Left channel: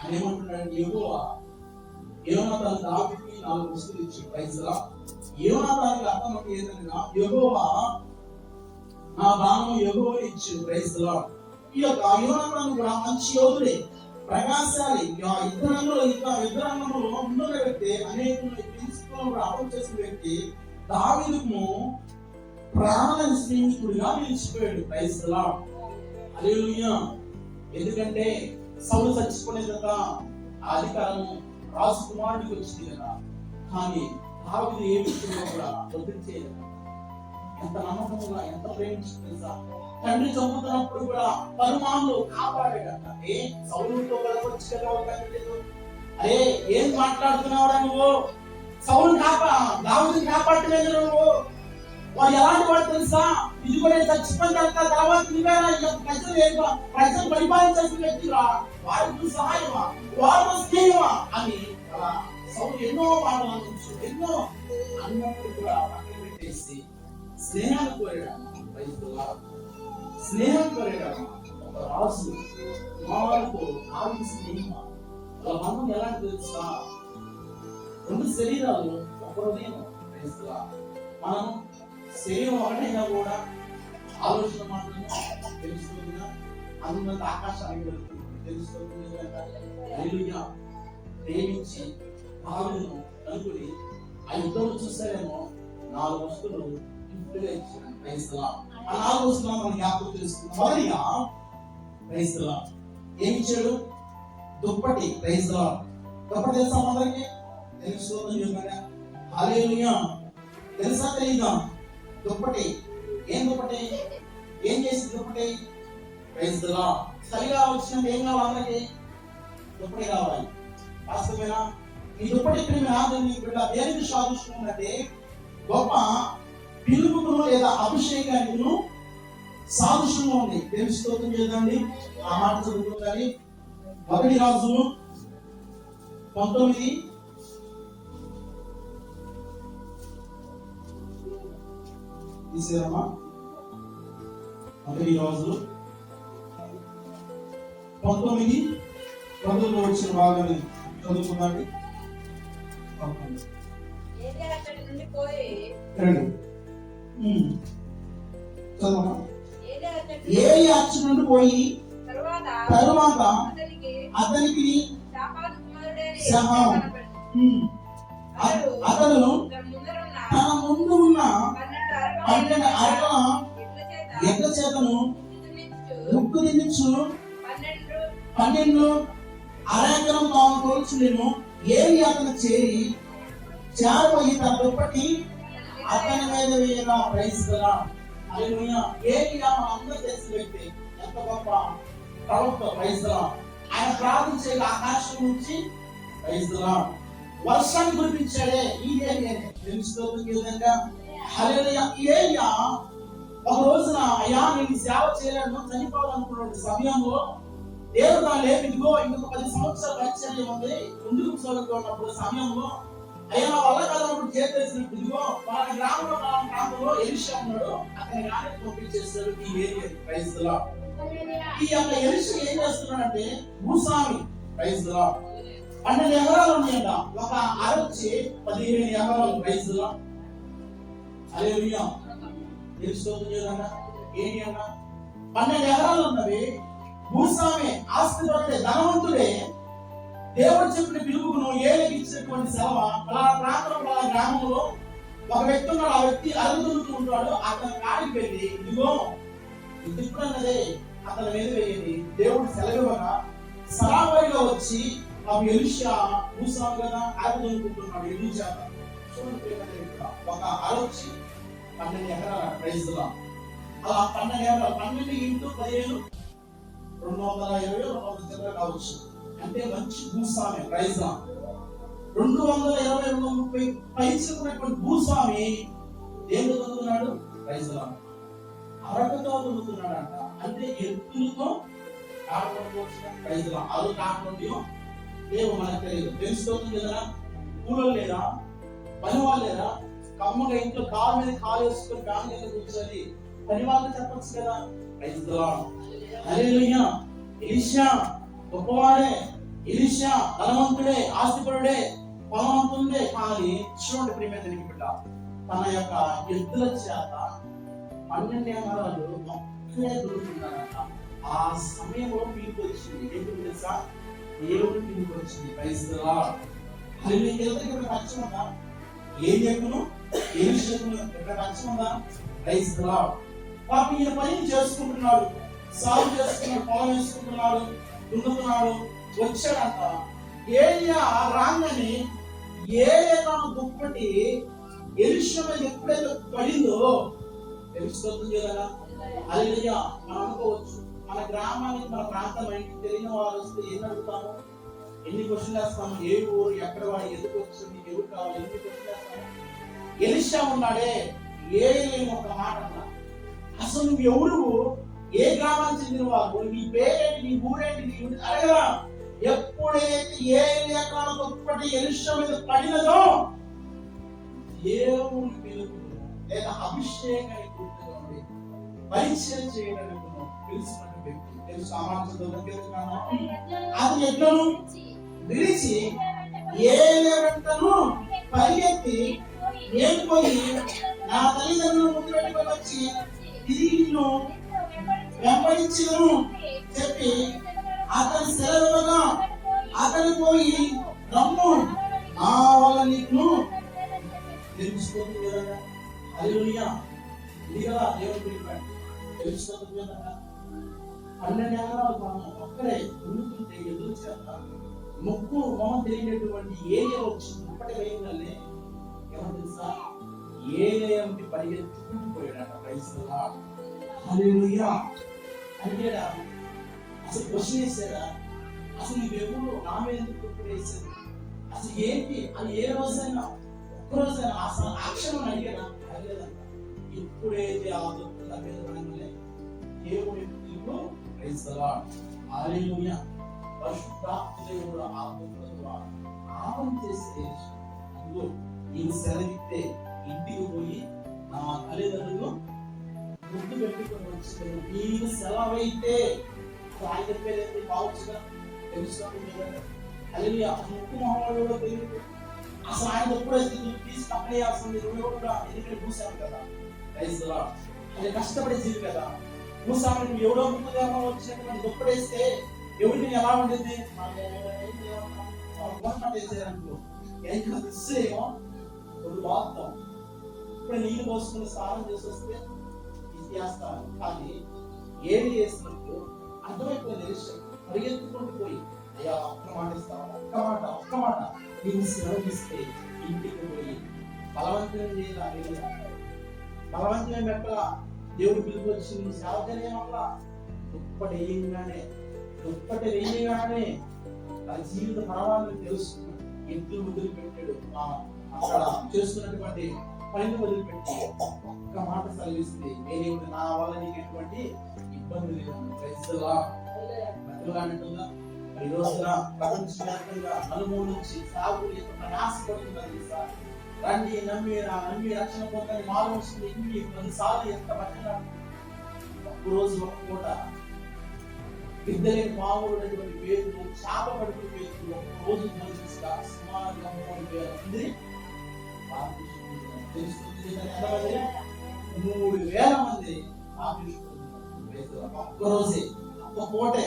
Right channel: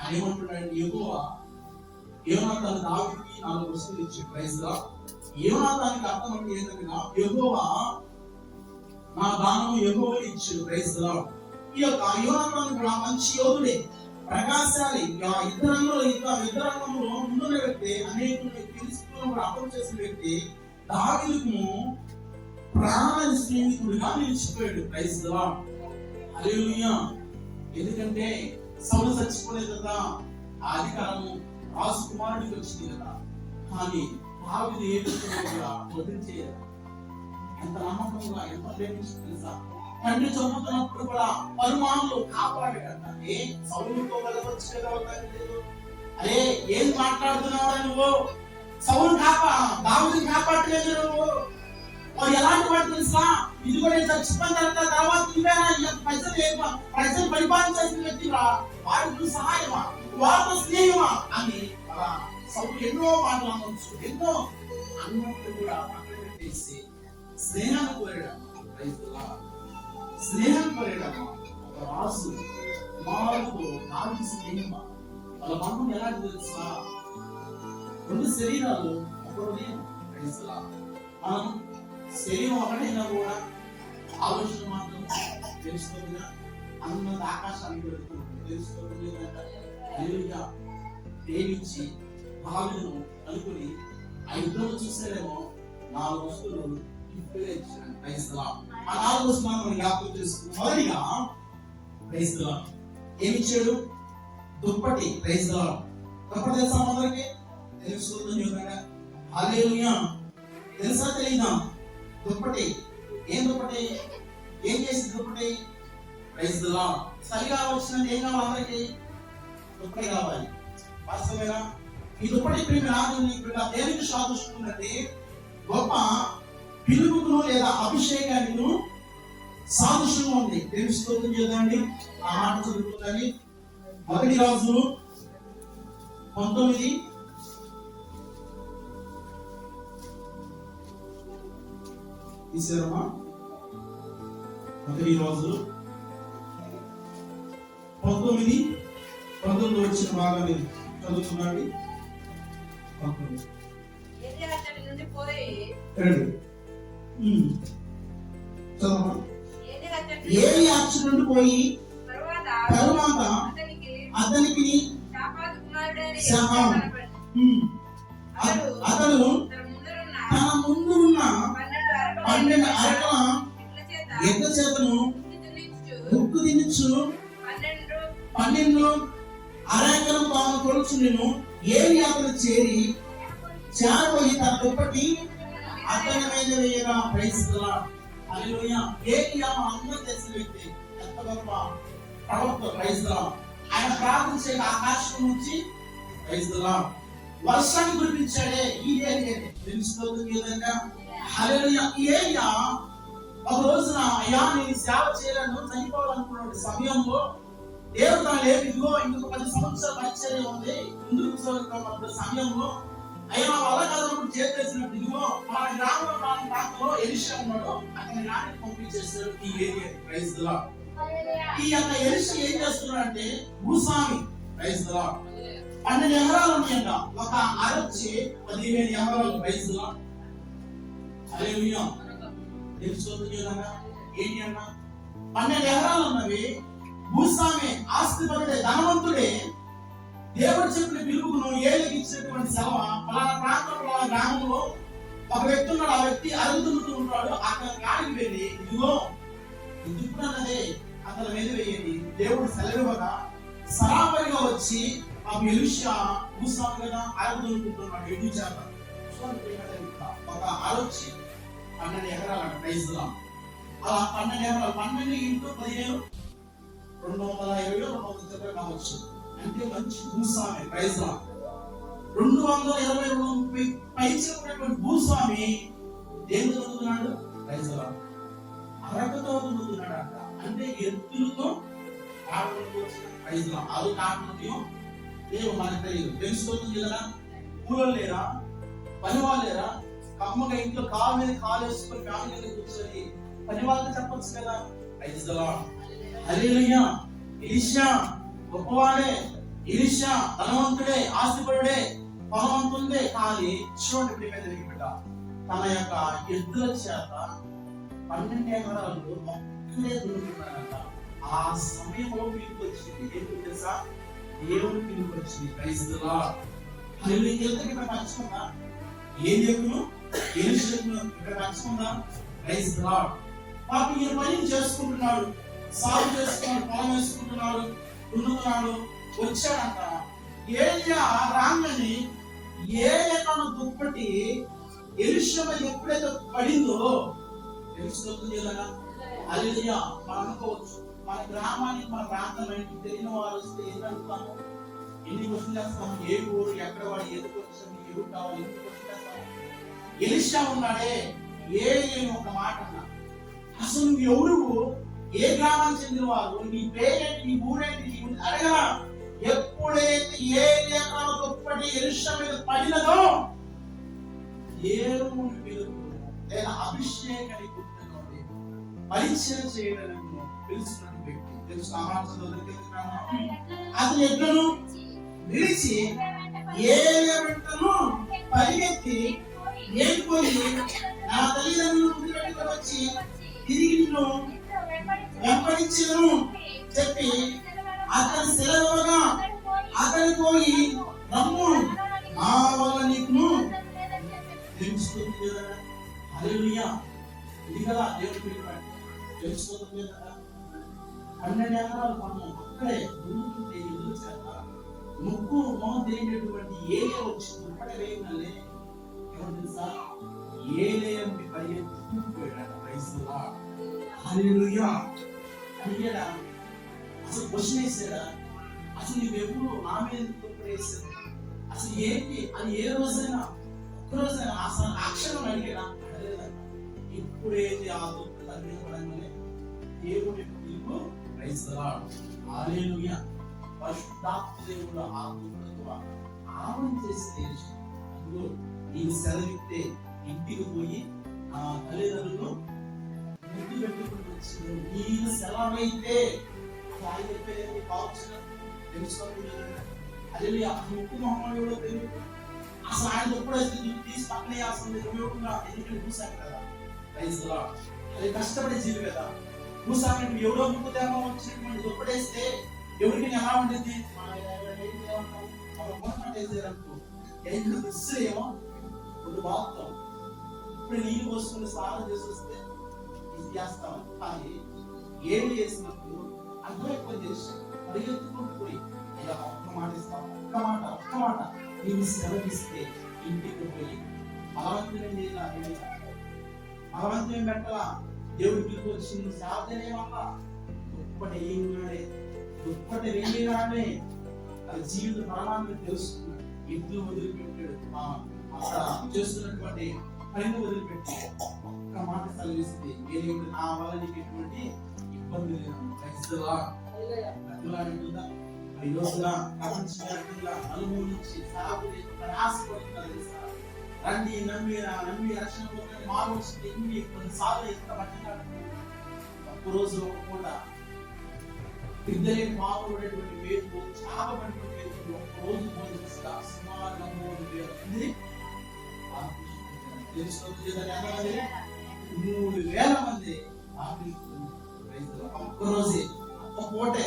ఆయన ఏమంటున్నాడు, యెహోవా యోనాతాను దావీదుకి 4 వస్తువులు ఇచ్చి ప్రైజ్ లా. యోనాతానికి అర్థం అంటే ఏంటనగా యెహోవా నా దానము యెహోవా ఇచ్చాడు ప్రైజ్ లా. ఈ యొక్క యోనాతాను కూడా మంచి యోధుడే, ప్రకాశాలి, యుద్ధరంగంలో ముందున్న వ్యక్తి, అనేకులను ఫిలిష్తీయులను కూడా అమలు చేసిన వ్యక్తి, దావీదుకు ప్రాణ స్నేహితుడిగా నిలిచిపోయాడు ప్రైజ్ లా. హల్లెలూయా. ఎందుకంటే సౌలు చచ్చిపోయిన కదా ఆ అధికారం రాజకుమారుడికి వచ్చింది కదా, కానీ దావీదు ఏ విషయంలో కూడా వదిలించేయలేదు. ఎంత నమ్మకంగా, ఎంత ప్రేమించి తెలుసా, తండ్రి చంపుతున్నప్పుడు కూడా పరమాణులు కాపాడాడు. అంటే సౌలుతో వెళ్ళవచ్చు కదా తండ్రి, అరే ఏం మాట్లాడుతున్నావురా నువ్వు, సౌలు దావీదుని కాపాడలేదు నువ్వు. వాడు ఎలాంటి వాడు తెలుసా, ఇది కూడా చచ్చిపోయిన తర్వాత ప్రజలు పరిపాలించాల్సిన వ్యక్తిరా, వారికి సహాయమా, వారితో స్నేహమా అని అలా సౌలు ఎన్నో మాటలు అనొచ్చు, ఎన్నో అన్నప్పుడు కూడా పక్కన పెట్టేసి స్నేహాన్ని కోరాడు. స్నేహం కోరాడమ్మా. ఒక రాజు కుమారుడితో దావీదు స్నేహమా, వాళ్ళ బంధం ఎలాంటి తెలుసా, 2 శరీరాలు ఒక హృదయం. మనం శరీరం ఒకటైనా కూడా ఆలోచన మాత్రం తెలుస్తుందిగా, అన్నంత ఆకాశానికి వెళ్తుంది తెలుస్తుంది. హల్లెలూయా. ప్రేమించి దావీదును అనుకుని ఆ యుద్ధంలో చూసారేమో 4 వస్తువులు గిఫ్ట్గా ఇచ్చాడు ప్రైజ్ లా. ఆ 4 వస్తువులు మనం జ్ఞాపకం చేసుకున్నాం. మొదటిగా ప్రైజ్ లా ఏమి ఇచ్చాడు, దుప్పటి ప్రైజ్ లా. దుప్పటి తెలుసా మనకి, తెలుస్తుంది కదా. హల్లెలూయా. తెలుసా తెలీదా దుప్పటి? ఏం దుప్పటి, ఏం చేసి దుప్పటి ప్రైజ్ లా. చలిగా వచ్చినట్టు ఏం కావాలి అందరికి, దుప్పటి కావాలి. వాస్తవేనా? ఈ దుప్పటి దేనికి సాదృశ్యం అంటే గొప్ప పిలుపును లేదా అభిషేకానికి సాదృశ్యంగా ఉంది. తెలుసుకోవడం చేద్దండి. ఆ మాట చదువుతుంది. 1 రాజులు 19 తీసారమ్మా. 1 రాజులు 19 వచ్చిన భాగాన్ని చదువుతున్నాడు. ఏలి అచ్చటి నుండి పోయి తరువాత అతనికి అతడు తన ముందు ఉన్న 12 అరకల ఎడ్ల చేతను ముక్కు తినిచ్చు 12 అరెకరం తాను కొలుచుండెను. ఏలి అతను చేరబోయి తన దుప్పటి అతని మీద వేయగా ప్రైజ్ లా. హల్లెలూయా. ఏలియా అందరూ తెలిసిన వ్యక్తి, ఎంత గొప్ప ప్రవక్త ప్రైజ్ లా. ఆయన ప్రార్థించే ఆకాశం నుంచి ప్రైజ్ లా వర్షాన్ని కురిపించాడే ఈ ఏలియానే. తెలుసుకోవడం విధంగా హల్లెలూయా. ఏలియా ఒక రోజున అయ్యా నేను సేవ చేయలేను చనిపోవాలనుకున్న సమయంలో దేవుడు తాను లేవు, ఇదిగో ఇంకొక 10 సంవత్సరాల పరిచర్య ఉంది ముందుకు సాగుతున్నప్పుడు సమయంలో అయ్యా నా వల్ల కాదన్నప్పుడు చేసేసినట్టు ఇదిగో మన గ్రామంలో ప్రాంతంలో ఎలీషా ఉన్నాడు, అతని రాణి పంపించేశారు ఈ ఏరియా ప్రైజ్ లా. ఈ యొక్క ఎలీషా ఏం చేస్తున్నాడంటే భూస్వామి ప్రైజ్ లా. 12 ఎకరాలు ఉన్నాయంట, ఒక అరొచ్చి 15 ఎకరాలు ప్రైజ్ లా. హల్లెలూయా. తెలుసుకోవద్దు ఏంటి అన్న, 12 ఎకరాలు ఉన్నవి. భూస్వామి ఆస్తిపరుడే, ధనవంతుడే. దేవుడు చెప్పిన పిలుపును ఏలికి ఇచ్చినటువంటి సెలవు పలానా ప్రాంతంలో గ్రామంలో ఒక వ్యక్తి ఉన్నాడు, ఆ వ్యక్తి అరుగుతుంటూ ఉంటాడు. అతని కాడికి వెళ్ళి ఇదిగో దుప్పటి అన్నదే అతని మీద వేయండి. దేవుడు సెలవుగా సరాబరిగా వచ్చి ఆ ఎలీషా భూస్వామి కదా అరుగుతుంటున్నాడు ఎదురు చేత. ఒక ఆలోచి 12 ఎకరాలు ప్రైజ్ లా. అలా 12 ఎకరాలు 12 × 15 220 కావచ్చు. అంటే మంచి భూస్వామి ప్రైజ్ లా. 220 230 పైచినటువంటి భూస్వామి దేంతో దున్నుతున్నాడు ప్రైజ్ లా, అరకతో దున్నుతున్నాడు అంట. అంటే ఎత్తులతో ప్రైజ్ లా. అది కాకుండా ఏమో మనకు తెలియదు. తెలుసుకోవచ్చు కదా. కూలోళ్ళు లేరా, పని వాళ్ళు లేరా, కమ్మగా ఇంట్లో కాలు మీద కాలు వేసుకొని ఫ్యాన్ కింద కూర్చొని పని వాళ్ళకి చెప్పొచ్చు కదా ప్రైజ్ లా. హల్లెలూయా. ఎలీషా గొప్పవాడే, ఎలీషా ధనవంతుడే, ఆస్తిపరుడే, బలవంతుండే, కానీ చూడండి ప్రియమైన దేవుని బిడ్డ, తన యొక్క ఎద్దుల చేత 12 ఎకరాలు ఒక్కడే దొరుకుతున్నాడట. ఆ సమయంలో పిలుపు వచ్చింది. ఎందుకు తెలుసా? దేవుడు పిలుపు వచ్చింది. Praise the Lord. ఇక్కడ పక్షం ఉందా? ఏం చెప్పును ఎలీషాకు ఇక్కడ పక్షం ఉందా? Praise the Lord. పాపం ఈ పని చేసుకుంటున్నాడు, సాగు చేసుకున్నాడు, పొలం వేసుకుంటున్నాడు, దున్నుతున్నాడు. వచ్చాడంట. ఏలియా రాగానే ఏలియా దుప్పటి ఎలీషా మీద ఎప్పుడైతే పడిందో తెలుసుకోతుంది కదా. హల్లెలూయా. మనం అనుకోవచ్చు, మన గ్రామానికి, మన ప్రాంతం ఇంటికి తెలియని వారు వస్తే ఎన్ని అడుగుతాము, ఎన్ని క్వశ్చన్ చేస్తాము, ఏ ఊరు, ఎక్కడ వాడు, ఎందుకు వచ్చింది, ఎవరు కావాలి, ఎన్ని క్వశ్చన్ చేస్తాము. ఎలీషా ఉన్నాడే, ఏలియా ఒక మాట అన్నా, అసలు నువ్వు ఎవరు, ఏ గ్రామానికి చెందిన వారు, నీ పేరేంటి, నీ ఊరేంటి, నీ అడగరా. ఎప్పుడైతే ఏలియా దుప్పటి ఎలీషా మీద పడినదో దేవుని పిలుపు లేదా అభిషేకాన్ని గుర్తుగా పరిచయం చేయడానికి తెలుసుకున్న వ్యక్తి తెలుసు. అది ఎట్లను విడిచి ఏలియా వెంటను పరిగెత్తి నేను పోయి నా తల్లిదండ్రులు ముందు పెట్టుకొని వచ్చి తిరిగి నిన్ను వెంబడించను చెప్పి అతని సెలవుగా అతని పోయి రమ్ము, నా వల్ల నీకు తెలుసుకుంది కదా. హల్లెలూయా. ఇది కదా దేవుడు పిలిపాడు. తెలుసుకుంది కదా. 12 ఎకరాలు తాను అక్కడే దున్నుతుంటే ఎదురు చేత ముక్కు మొహం తెలియనటువంటి ఏలియా వచ్చి ముప్పటి వేయగానే ఎవరు తెలుసా? ఏలియా ఉండి పరిగెత్తుకుపోయాడు. Praise the Lord. హల్లెలూయా. అడిగాడా? అసలు క్వశ్చన్ వేసాడా? అసలు నువ్వెప్పుడు నా మీద ఎందుకు వేసాడు? అసలు ఏంటి అని ఏ రోజైనా ఒక్కరోజైనా అసలు అక్షరం అడిగాడా? అడగలేదంట. ఎప్పుడైతే ఆ దుఃఖ మీద పడంగానే దేవుడి పిలుపు. Praise the Lord. హల్లెలూయా. పరిశుద్ధాత్మ దేవుడు ఆ దుఃఖ ద్వారా ఆపం చేసి అందులో నీవు సెలవిస్తే ఇంటికి పోయి ఆ తల్లిదండ్రులు ముద్దు పెట్టుకుని వచ్చి నీవు సెలవైతే ఆయన చెప్పేది కావచ్చు తెలుసుకోండి. హల్లెలూయా. ముక్కు మహమ్మడు తెలియదు. అసలు ఆయన ఎప్పుడైతే తీసి పక్కనే వేస్తుంది కూడా ఎందుకంటే చూసాను కదా. Praise the Lord. అది కష్టపడే జీవి కదా. చూసాను ఎవరో ముక్కు దేమో వచ్చినటువంటి దుప్పడేస్తే ఎవరికి ఎలా ఉండేది? వేసేదనుకో ఏం ఇస్తేమో ఒక బాగుతాం. ఇప్పుడు నీళ్ళు పోసుకుని స్నానం చేసి వస్తే ఇది చేస్తామని. అది ఏమి చేసినప్పుడు అర్థమైపోయింది. ఇష్టం పరిగెత్తుకుంటూ పోయి అయ్యా ఒక్క మాట ఇస్తాను, ఒక్క మాట నేను సెలవిస్తే ఇంటికి పోయి బలవంతమే బలవంతమే పెట్టలా. దేవుడు పిలుపు వచ్చి నువ్వు సేవకనేమల్లా. దుప్పటి వేయగానే తన జీవిత పరమాన్ని తెలుసుకున్నాడు. ఎద్దులు వదిలిపెట్టాడు. అక్కడ చేస్తున్నటువంటి పనిని వదిలిపెట్టి ఒక్క మాట సెలవిస్తుంది. దేవుడు నా వల్ల నీకు ఎటువంటి ఇబ్బంది లేదు. Praise the Lord. అట్లా మరి ఈ రోజున ప్రపంచవ్యాప్తంగా నలుమూల నుంచి సాగుడి ప్రయాసపడుతున్నారు. రండి నమ్మి రక్షణ పొందని మారుస్తుంది. ఇన్ని కొన్నిసార్లు ఎంత పట్టిన ఒక్కరోజు కూడా బిడ్డలేని మామూలుటువంటి పేర్లు చేప పడిన పేర్లు ఒక్కరోజు సుమారు 3,000 మంది తెలుసుకుంటుంది. 3,000 మంది ఒక్కరోజే ఒక్క పూటే.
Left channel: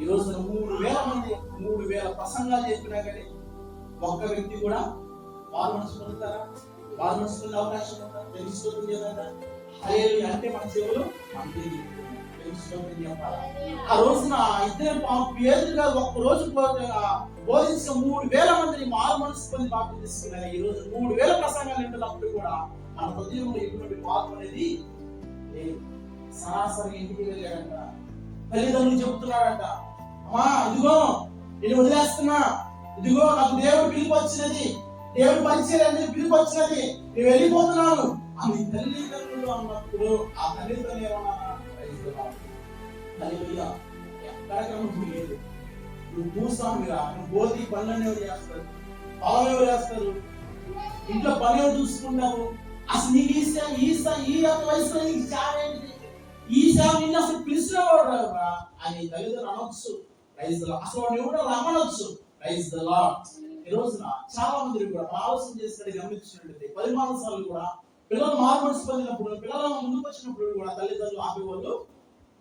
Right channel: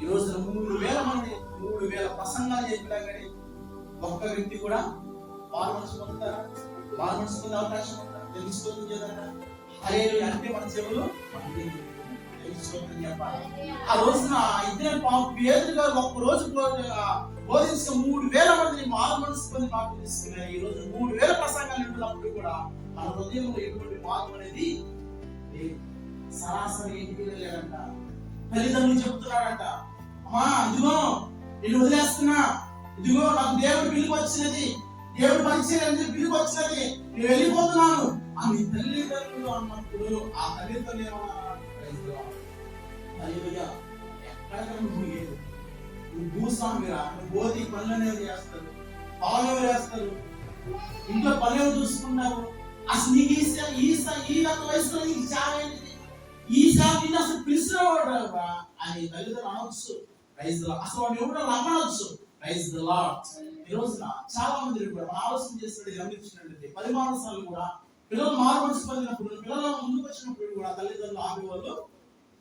ఈ రోజున 3,000 మంది 3,000 ప్రసంగాలు చెప్పినా కానీ ఒక్క వ్యక్తి కూడా మారు మనసు పొందుతారా? మారు మనసు పొందే అవకాశం ఉందా? తెలుసుకోవద్దు కదా. హల్లెలూయా. అంటే మన చెవులు మనకి తెలుసుకోవద్దని చెప్పాలి. ఆ రోజున ఇద్దరు పేదలు గారు ఒక్క రోజు బోధించిన 3,000 మందిని మారు మనసు పొంది బాప్తిసం తీసుకున్నారు. ఈ రోజు 3,000 ప్రసంగాలు ఉంటున్నప్పుడు కూడా మన హృదయంలో ఎటువంటి మార్పు అనేది లేదు. సరాసరి ఇంటికి వెళ్ళాడంట. తల్లిదండ్రులు చెప్తున్నాడంట, అమ్మా ఇదిగో నేను వదిలేస్తున్నా, ఇదిగో నాకు దేవుడు పిలుపు వచ్చినది, దేవుడు పరిచయం పిలుపు వచ్చినది, నేను వెళ్ళిపోతున్నాను అని తల్లిదండ్రులు అన్నప్పుడు ఆ తల్లిదండ్రులు ఏమన్నా ఎక్కడ లేదు. నువ్వు భూస్వామిరా, నువ్వు బోధి పనులు అనేవి చేస్తారు, పొలం ఎవరు వేస్తారు, ఇంట్లో పని ఎవరు చూసుకున్నావు, అసలు నీకు ఈ వయసులో నీకు సేవ ఏంటిది, ఈ సేవ నిన్ను అసలు పిలిచిన వాడు అని తల్లిదండ్రులు అనొచ్చు. Praise the Lord. అసలు వాడు ఎవడో రమ్మనొచ్చు. Praise the lord. ఈ రోజున చాలా మంది కూడా ఆలోచన చేసినట్టు గమనించినట్లయితే 14 సార్లు కూడా పిల్లలు మార్మల్స్ పొందినప్పుడు, పిల్లలు ముందుకు వచ్చినప్పుడు కూడా తల్లిదండ్రులు ఆపేవాళ్ళు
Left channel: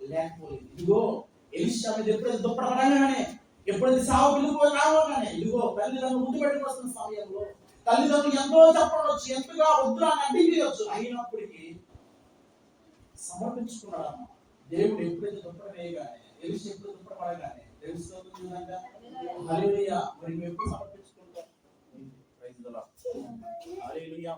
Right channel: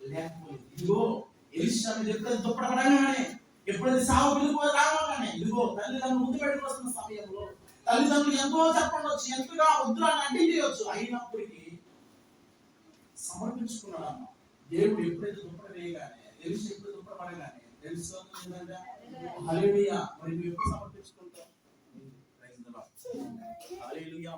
లేకపోలేదు. ఇదిగో ఎలీషా మీద ఎప్పుడైతే దుప్పటపడగానే, ఎప్పుడైతే సావు పిలుపు రావగానే, ఇదిగో తల్లిదండ్రులు ముందు పెట్టుకు వస్తున్న సమయంలో తల్లిదండ్రులు ఎంతో చెప్పవచ్చు, ఎంతగా వద్దురా అని అడ్డించవచ్చు, అయినప్పటికీ సమర్పించుకున్నాడు అన్న. దేవుడు ఎప్పుడైతే దుప్పట వేయగానే, ఎలీషా ఎప్పుడు దుప్పట పడగానే తెలుసుకుంటుందంటే హల్లెలూయా. మరి మేము ఎప్పుడు సమర్పించుకుంటాం? Praise the Lord. హల్లెలూయా.